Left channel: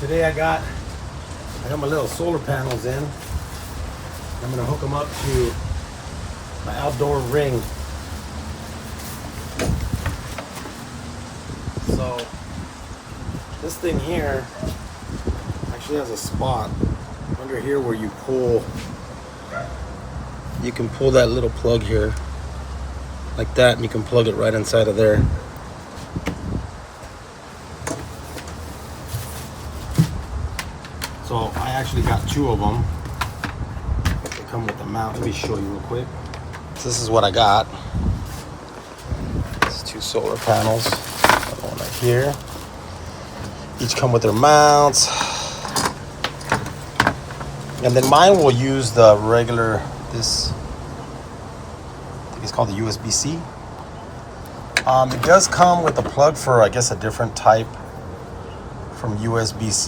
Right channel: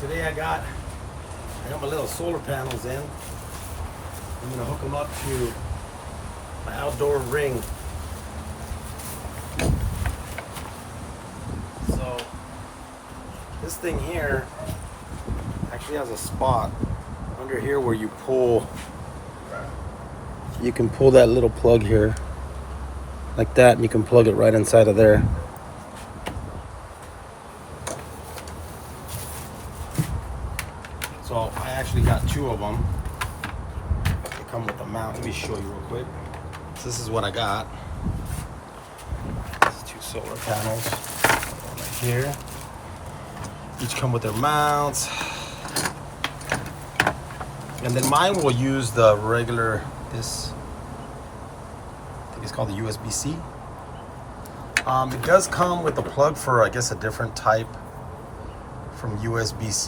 today I got my little solar panels in. I'm gonna hook them up to my outdoor ring. So this thing here actually has a spot under here where you can pull that little plug here like that, and you can plug it right inside of there. So I actually got two of them. They come with a mount. Let me show you real quick. So this is what I got. These two solar panels. Another one right here. Each come with their mounts. And then mine will use the regular, this, I think it's called the USB-C. It does come with a plug for, I guess, a different type from USB-C.